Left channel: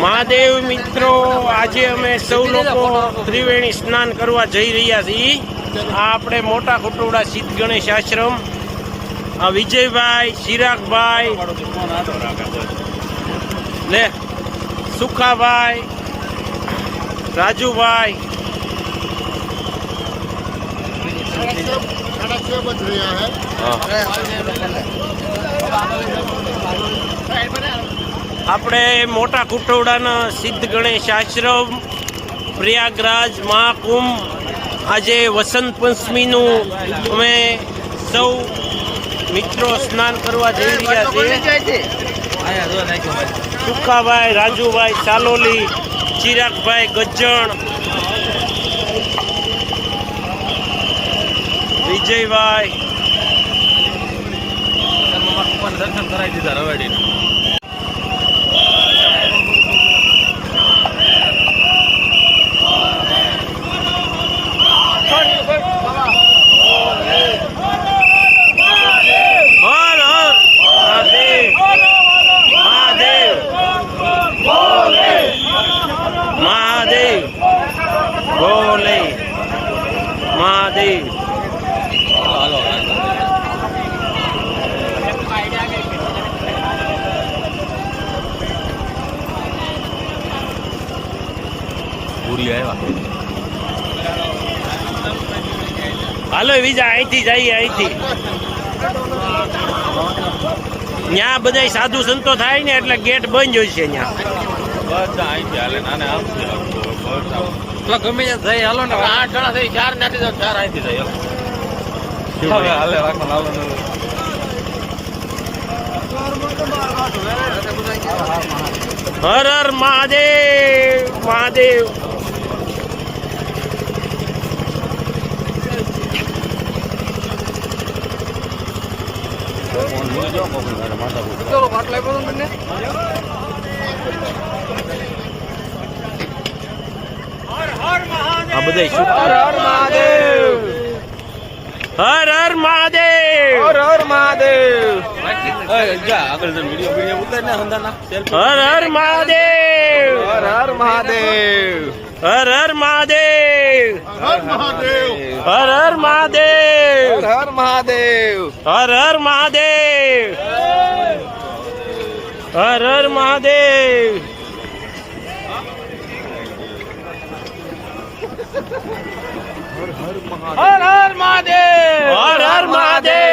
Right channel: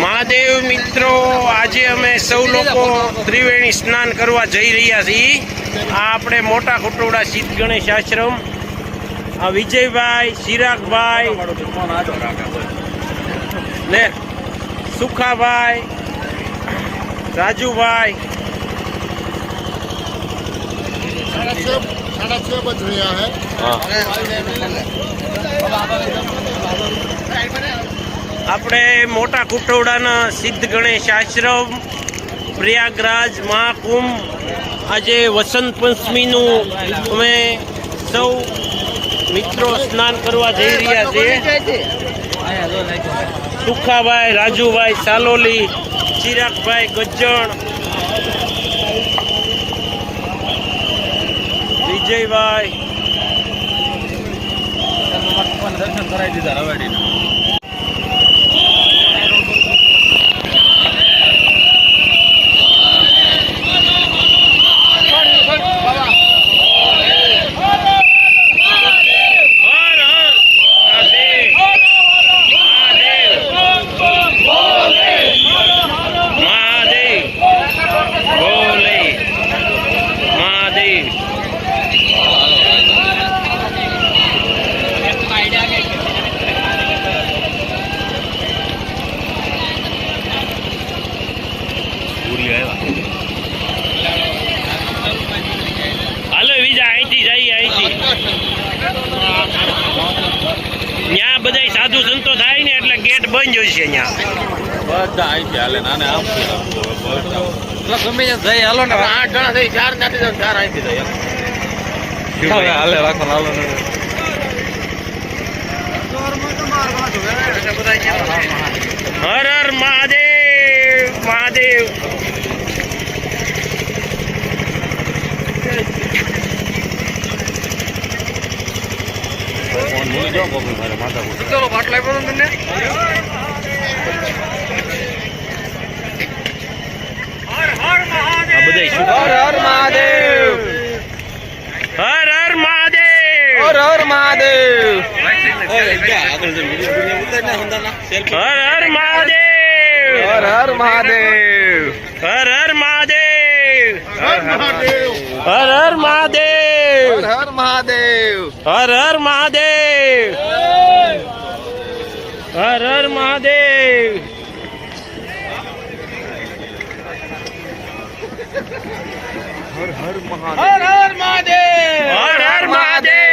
મહાદેવ મિત્રો, આજે અમે સૌ લોકો ત્રિવેણી સ્નાન કરવા જઈ રહ્યા છીએ. આ આપણે મોટા ખોટોડા સિદ્ધ ગણેશ આશ્રમ. આ વિજયભાઈ, ચિરાગભાઈ, લે સુખાભાઈ, રાજુભાઈ, આપણે મોટા કુટોડાના સિદ્ધ ગણેશ આશ્રમ પ્રયાગરાજ મહાકુંભ. આજે વસંત પંચમીનું અમે સૌ મિત્રો સ્નાન કરવા જઈ રહ્યા છીએ. સુખાભાઈ, રાજુભાઈ, સાલોલી, ચિરાગભાઈ, ગજ્જણ, વિજયભાઈ, દર્શન કરાવી દીધા રવાડી. મહાદેવ હાલો બીજા અહીંથી જઈએ. અહીંથી ત્યાં બધા સાધુ સંતો થાય ને એટલે ગેટ બંધ હોય છે. હર હર મહાદેવ. મહાદેવ આ બધા હર હર મહાદેવ. હર હર મહાદેવ. હર હર મહાદેવ. હર હર મહાદેવ. હર હર મહાદેવ. હર હર મહાદેવ. હર હર મહાદેવ. હર હર મહાદેવ. હર હર મહાદેવ. હર હર મહાદેવ. હર હર મહાદેવ.